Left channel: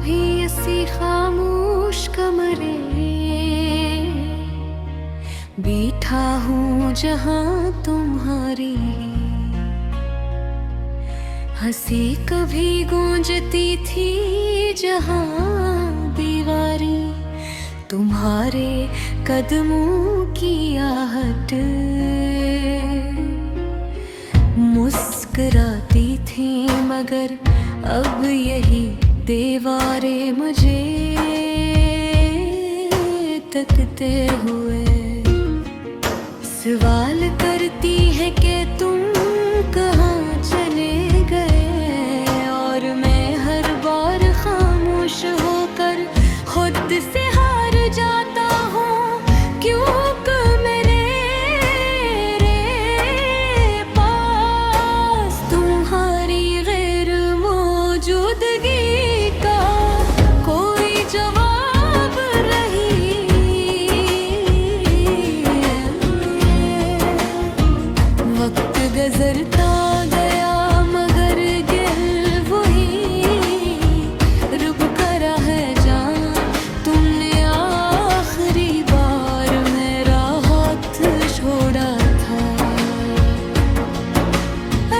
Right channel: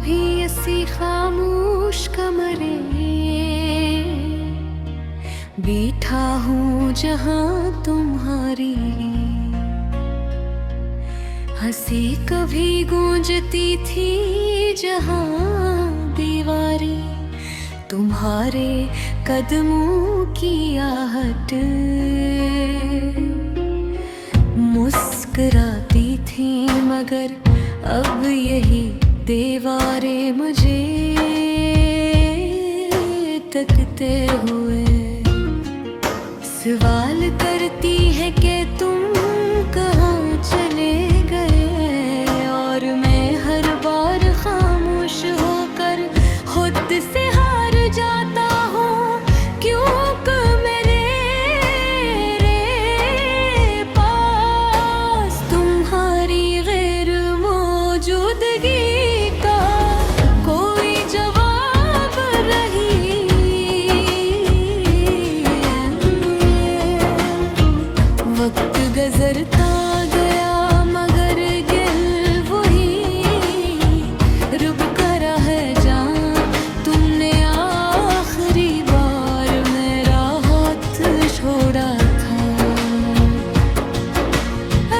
भी ऐसी खामोश कमरे बैठा हूँ जहाँ तुम्हारी हंसी कभी गूंजती थी जहाँ दीवारी तुम्हारे कदमों की आहट मुस्कुराती थी मगर अब यही दीवारें मुझे तकते हुए सवाल करती है कि तुम कहाँ चले गए और मैं हर बार खामोश होकर खुद से हार जाता हूँ क्योंकि मेरे पास तुम्हारी गैर मौजूदगी का कोई जवाब नहीं। वक्त गुजरता गया मगर दिल वही रुक कर है जहाँ तुमने आखिरी बार मेरा हाथ छोड़ा था।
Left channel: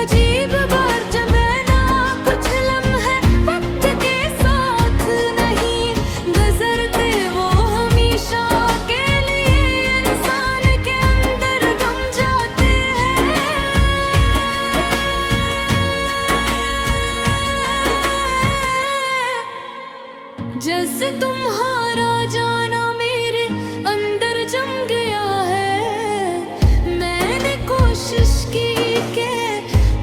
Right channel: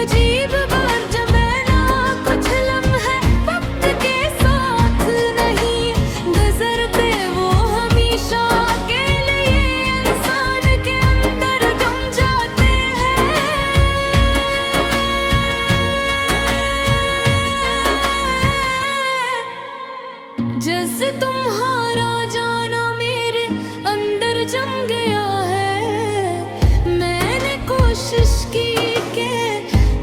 अजीब बार जब मैं ना कुछ लम्हे वक्त के साथ नहीं गुजरते वो हमेशा के लिए इंसान के अंदर गम जाते हैं। जैसे तुम्हारा जाना मेरे अंदर जम गया है मैंने कोशिश की कि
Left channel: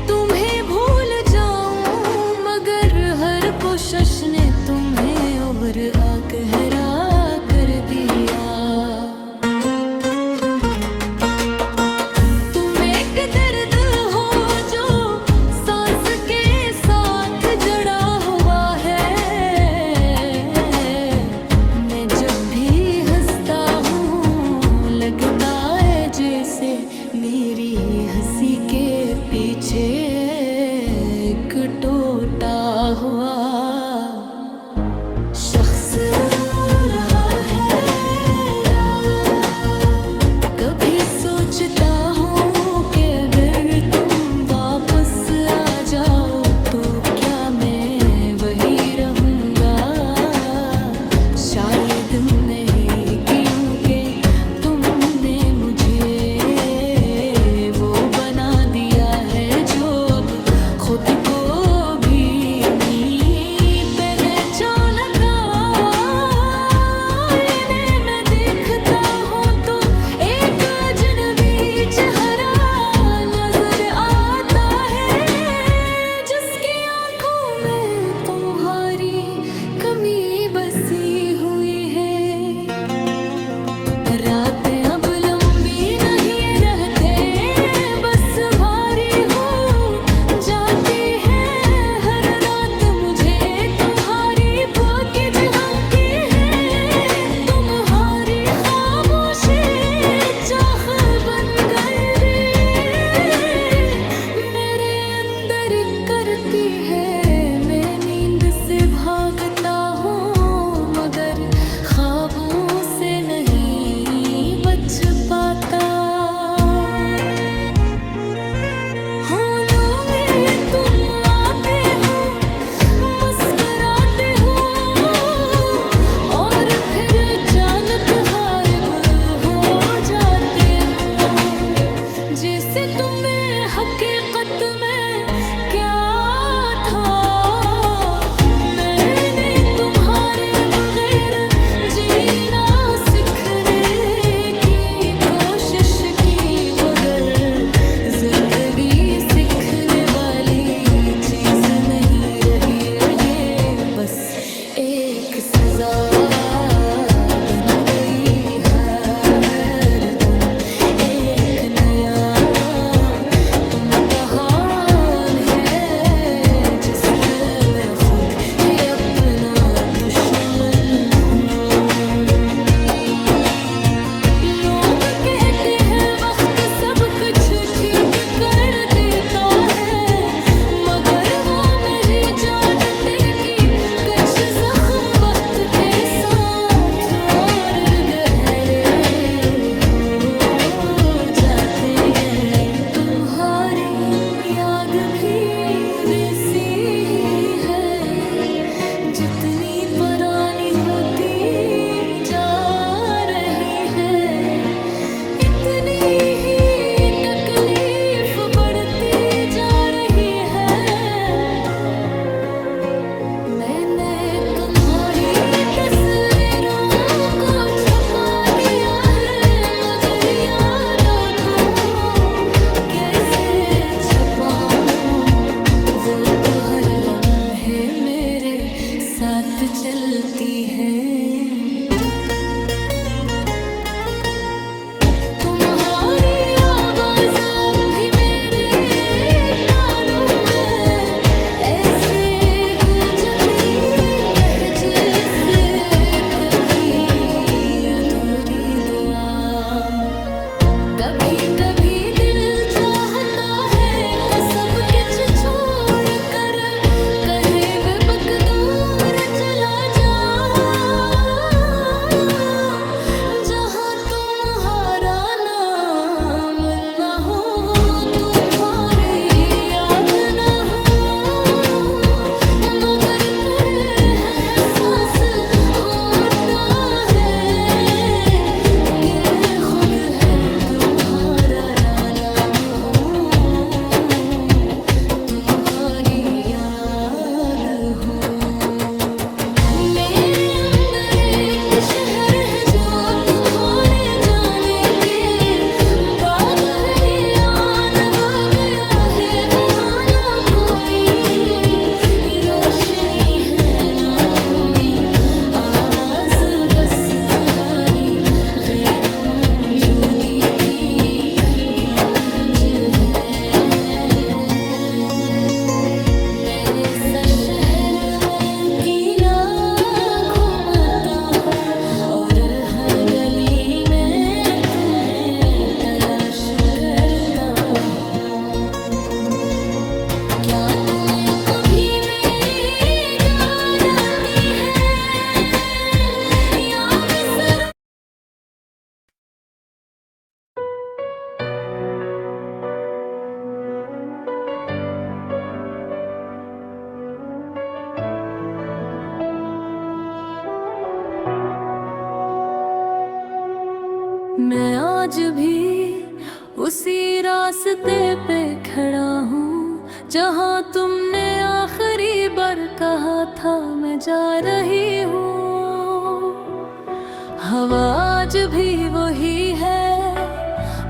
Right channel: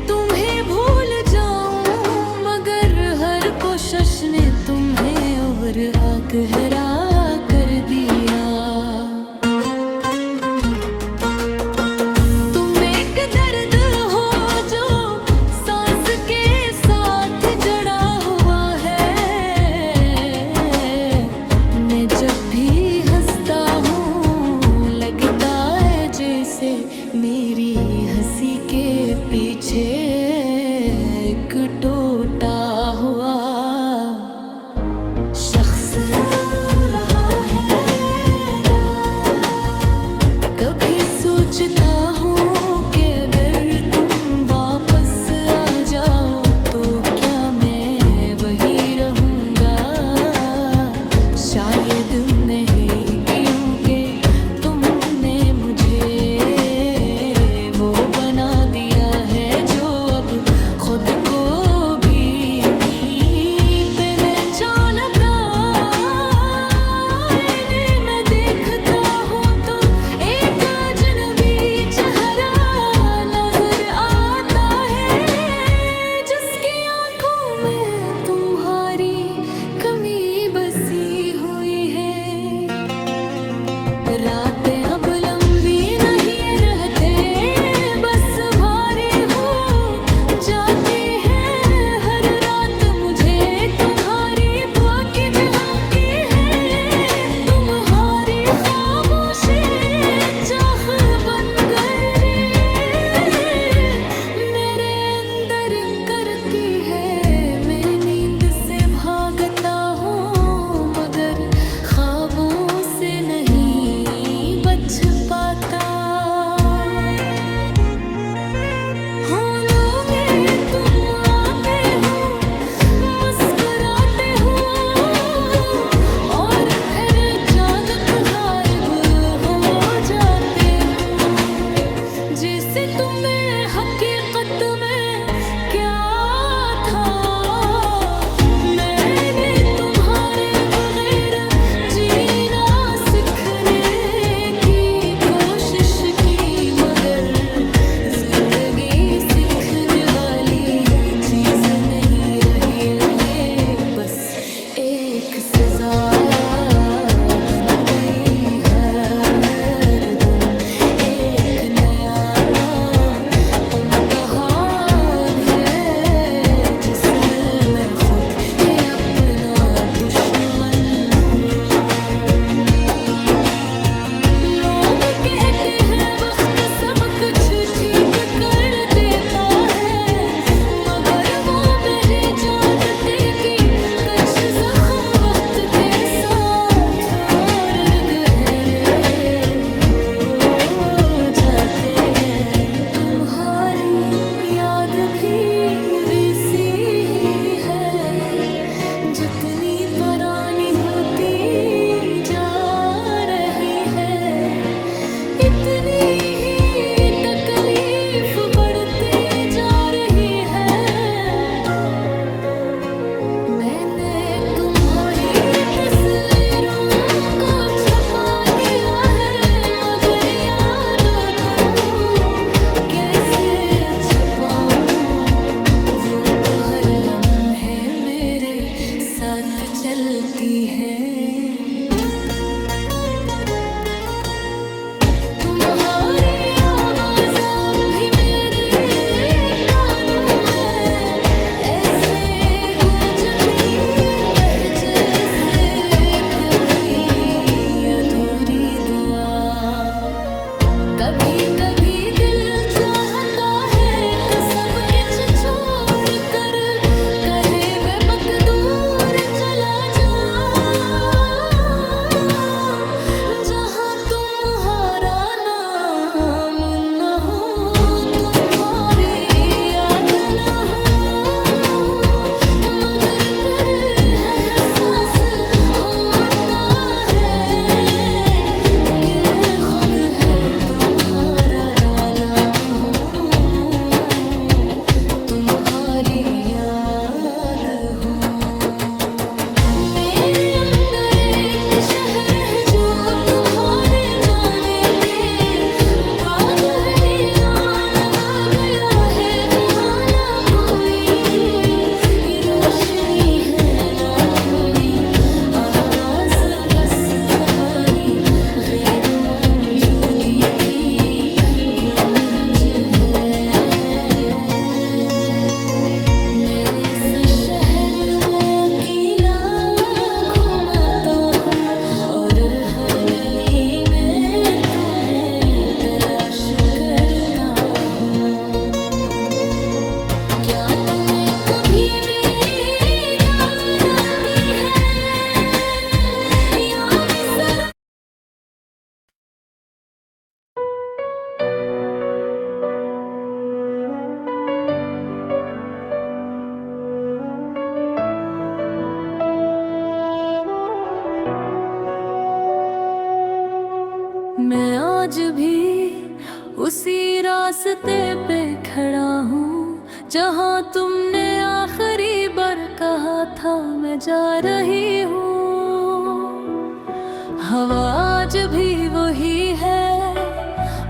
तुम्हें भूल जाऊं मगर हर कोशिश ने तुम्हें और आकहरा कर दिया। तुम एक दर्द हो जो सांस के साथ जड़ा हुआ है। मैं जब भी हंसता हूँ लगता है जैसे मेरी हंसी के पीछे एक टूटा हुआ शख्स रो रहा है। कभी सोचता हूँ कि अगर तुम वापस आ जाओ तो क्या मैं वही रहूँगा। शायद नहीं क्योंकि तुमने मुझे वो बना दिया है जो अब खुद को भी नहीं पहचान का। इन्हें मैं देखता हूँ तो एक अजनबी चेहरा नजर आता है जिसकी आंखों में तुम्हारी कमी बसी हुई है। रातें अब लंबी नहीं रहते बस भारी हो जाती है हर रात मुझे तुम्हारी बाकी झांकती है। तुम्हारी खामोशी चाह बन गई मेरे अंदर करती है। मैं नींद से भागता हूँ मगर ख्वाबों से नहीं बच पाता। हाँ लोगे तुम आते हो मुस्कुराते हो और फिर अचानक गायब हो जाते हो। जैसे तुम्हें हकीकत में क्या था मैंने तुम्हारे बगैर जीना सीखने की कोशिश की मगर जिंदगी सीखने वाली चीज नहीं रही है। ये बस एक सजा बन गई है। हर दिन एक नया इम्तिहान है जिसमें मैं खुद ही अपना दुश्मन हूँ। लोग कहते हैं वक्त सब कुछ ठीक कर देता है मगर वो मेरे जानते कि कुछ जख्म चलती हैं। तुम्हारी आवाज अब भी मेरे कानों में ऐसे गूंजती रह जैसे कोई अधूरी दुआ। कभी कभी दिल चाहता है कसम किच छोड़ कर कहे बेबक दूर चला जा, जहाँ तुम्हारा नाम न हो, तुम्हारी याद न हो, मगर फिर हर एहसास होता है कि मैं खुद है तुम्हारा नाम हूँ, तुम्हारी याद हूँ। मेरे अंदर एक शहर है जो तुम्हारे जाने के बाद है आन गया है, वहाँ ना कोई रोशनी है ना कोई आवाज, बस तुम्हारी गैर मौजूदगी की गूंज है। मेरे सा शहर में अकेला घूमता हूँ और हर गली में तुम्हें तलाश करता हूँ। क्या तुम्हें कभी मेरी याद आती है या बिसरा? मैं आज भी उसी रास्ते पे खड़ा हूँ जहाँ तुमने आखिरी बार कहा था मैं जा रही हूँ। हवा आज भी वही है,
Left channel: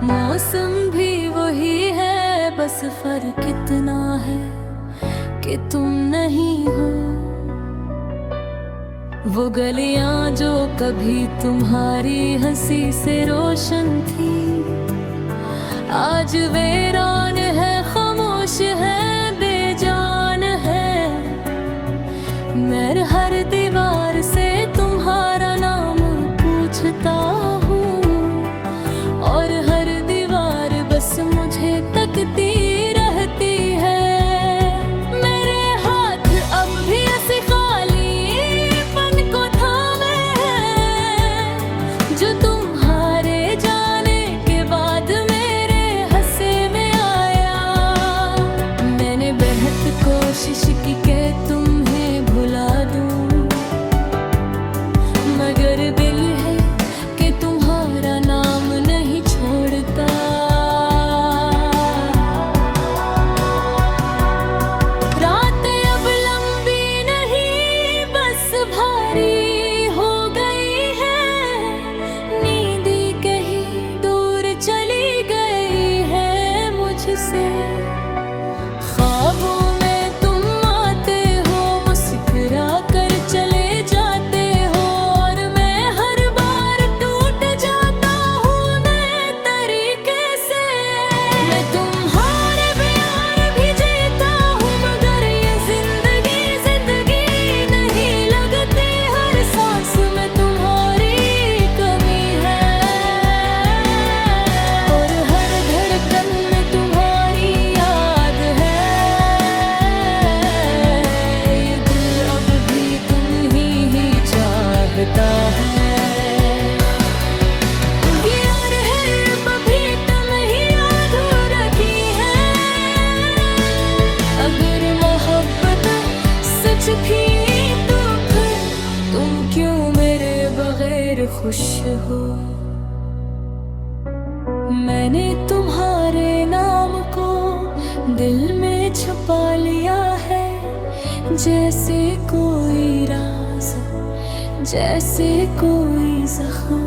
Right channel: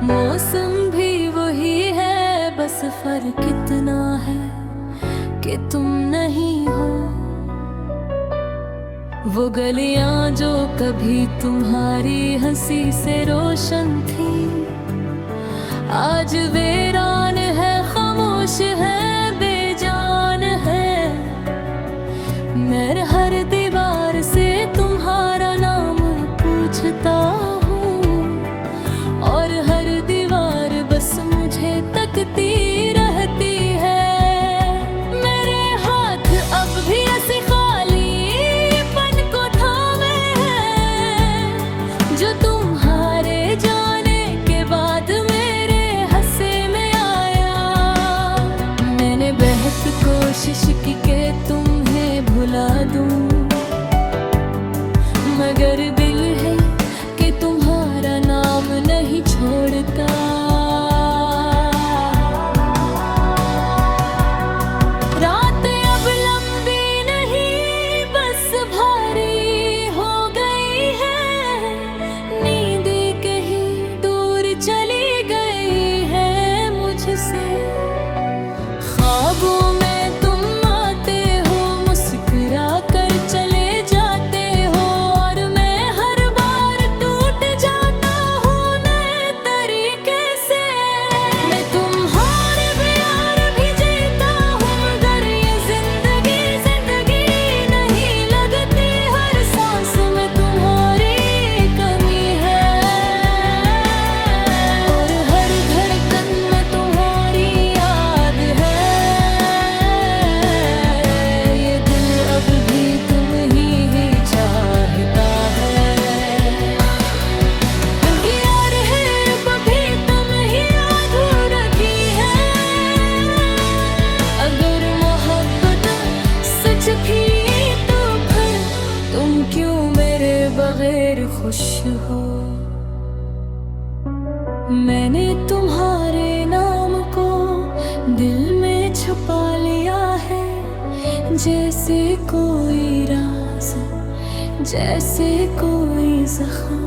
मौसम भी वही है, बस फर्क इतना है कि तुम नहीं हो। वो गलियां जो कभी तुम्हारी हंसी से रोशन थी आज वीरान है, खामोश है, बेजान है। मैं हर दीवार से तुम्हारा नाम पूछता हूँ और हर दीवार बस मुझे तकती रहती है। मेरे हाथ अब भी ऐसे खालीपन को थामे हैं जो तुम्हारे जाने के बाद मेरे हंसे में आया। मैंने बेहद कोशिश की कि तुम्हें भुला दूं, मगर दिल है कि तुम्हारा नाम नहीं छोड़ता। रातें अब लंबी नहीं बस भारी हो गई है, नींदें कहीं दूर चली गई है मुझसे। ख्वाबों में तुम आते हो, मुस्कुरा कर चले जाते हो और मैं हर बार टूट जाता हूँ नए तरीके से। मैं तुम्हारे प्यार भी जीता हूँ मगर ये जिंदगी जिंदगी नहीं लगती, हर सांस में तुम्हारी कमी है और हर धड़कन में तुम्हारी याद है। ये दिल अब भी तुम ही चाहता है। यार है अभी तुम ही अधूरा की है, अगर मोहब्बत सच थी तो फिर तुम क्यों मेरे बगैर खुश हो। मैंने तुम्हारे नाम को दिल में छुपा लिया है, जैसे कोई राज, जैसे कोई जख्म।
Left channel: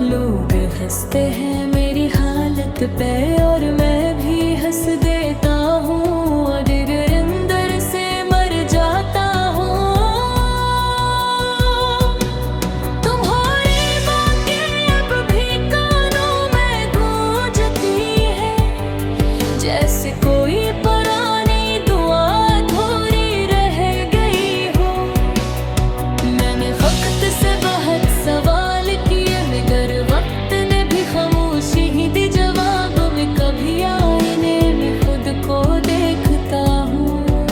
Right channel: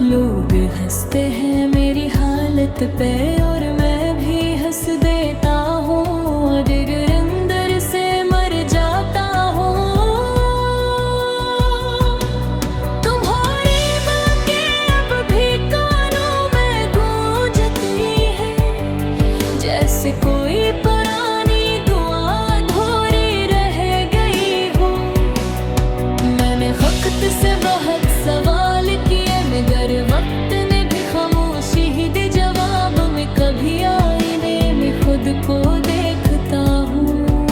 लोग हंसते हैं मेरी हालत पे और मैं भी हंस देता हूँ, अगर अंदर से मर जाता हूँ। में कभी आईने में खुद को देखता हूँ,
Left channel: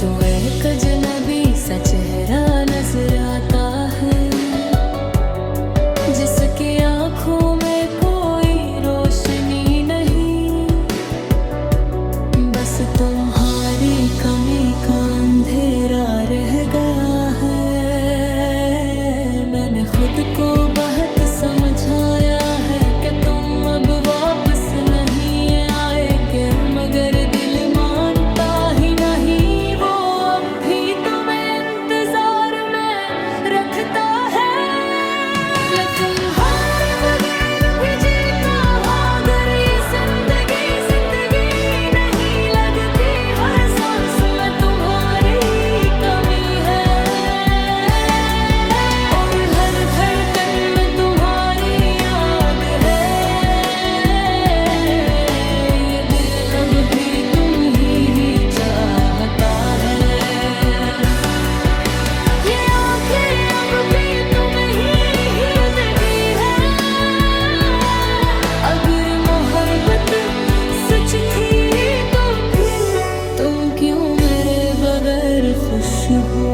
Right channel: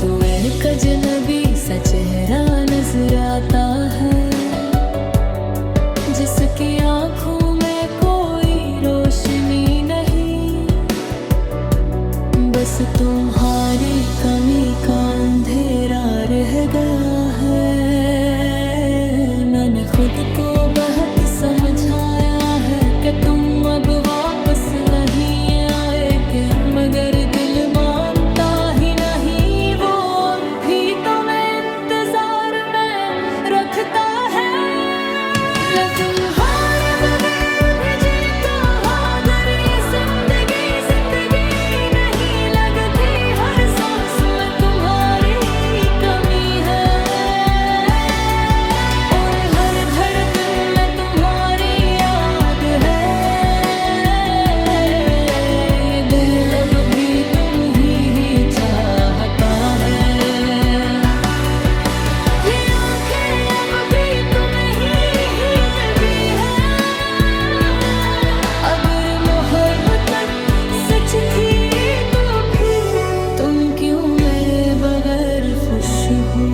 तो एक अजनबी सा चेहरा नजर आता है, जिसकी आंखों में कोई रोशनी नहीं, बस तुम्हारी कमी का अंधेरा रह गया है। मैंने खुद को बहुत समझाया है कि तुम अब वापस नहीं आएगे, मगर दिल मानता ही नहीं, वो अब भी तुम्हें इंतजार में रखता है। तुम्हारे बगैर भी जीता अगर ये जिंदगी जिंदगी नहीं लगती, हर सांस में तुम्हारी कमी है, और हर धड़कन में तुम्हारी याद है। ये दिल अब भी तुम ही चाहता है, ये आंखें अब भी तुम्हें ही लगी है। अगर मोहब्बत सच थी तो फिर तुम क्यों मेरे बगैर खुश हो?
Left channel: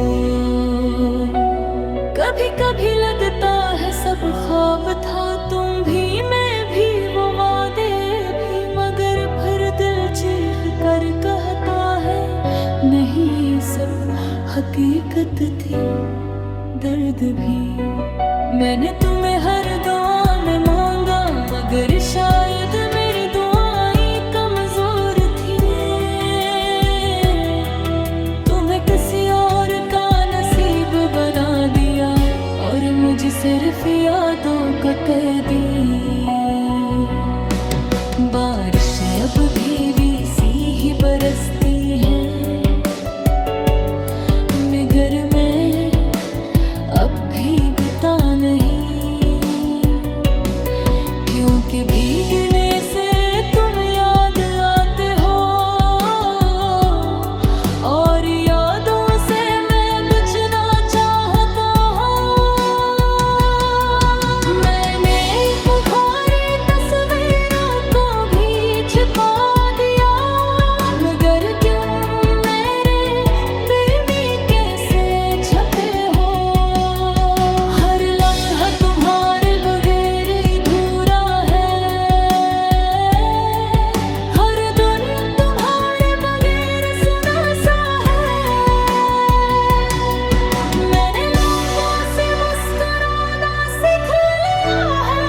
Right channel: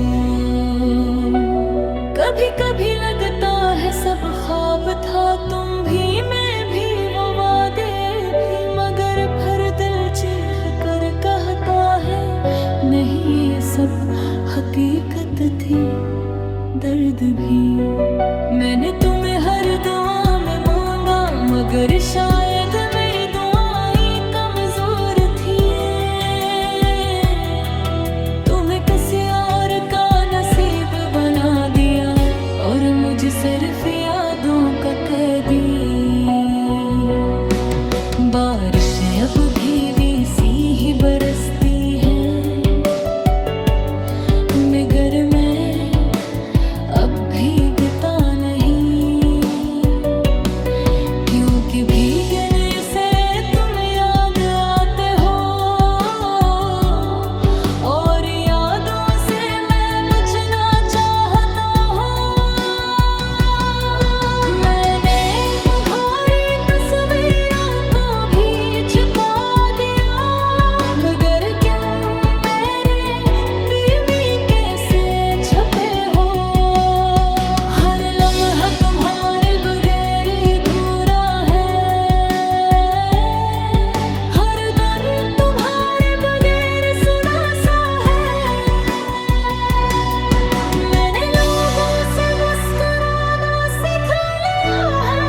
कभी कभी लगता है सब ख्वाब था, तुम भी मैं भी वो वादे भी, मगर फिर दिल चीख कर कहता है नहीं, ये सब हकीकत थी, दर्द भी। मैंने तुम्हें हर दुआ में मांगा, मगर शायद मेरी दुआएं कमजोर थी, तुम्हें किसी और का नसीब बना दिया, और मुझे सिर्फ यादों का कैदी। बारिशें अब भी वैसी ही बरसती हैं, मगर मैं अब भीगता नहीं, क्योंकि भीगने से तुम याद आते हो, और यादों से मैं बचना चाहता हूँ। मैंने तुम्हारी तस्वीरों को भी छुपा दिया, मगर क्यों मेरे बेबी कैसे छपे हो? हर लम्हा तुम्हारे बगैर अधूरा है, हर दिन तुम्हारे बगैर सुना सा है। मैंने लोगों से मुस्कुराना सीख लिया है,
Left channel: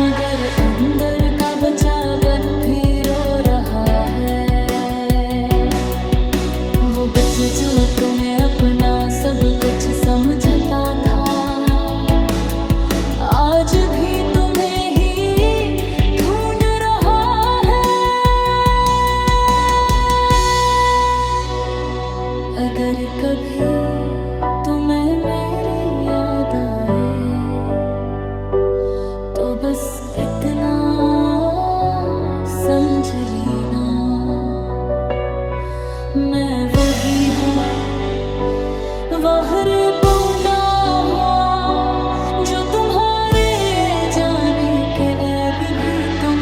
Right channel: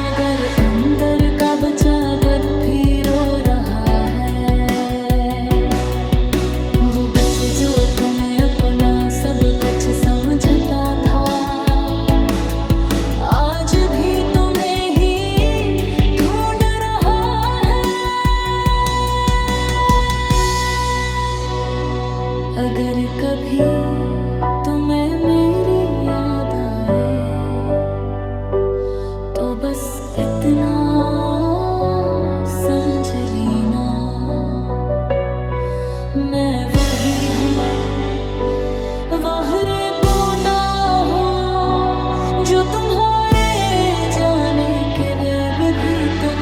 मगर अंदर का बच्चा बद भी रो रहा है। वो बच्चा जो तुम्हें अपना सब कुछ समझता था, आज भी तुम्हें ही ढूंढ रहा है। अगर कभी तुम्हें मेरी याद आए, तो बस इतना समझ लेना, मैं वो ही हूँ, वहरे बोता हुआ, जो तुम्हारे जाने के गैब भी तुम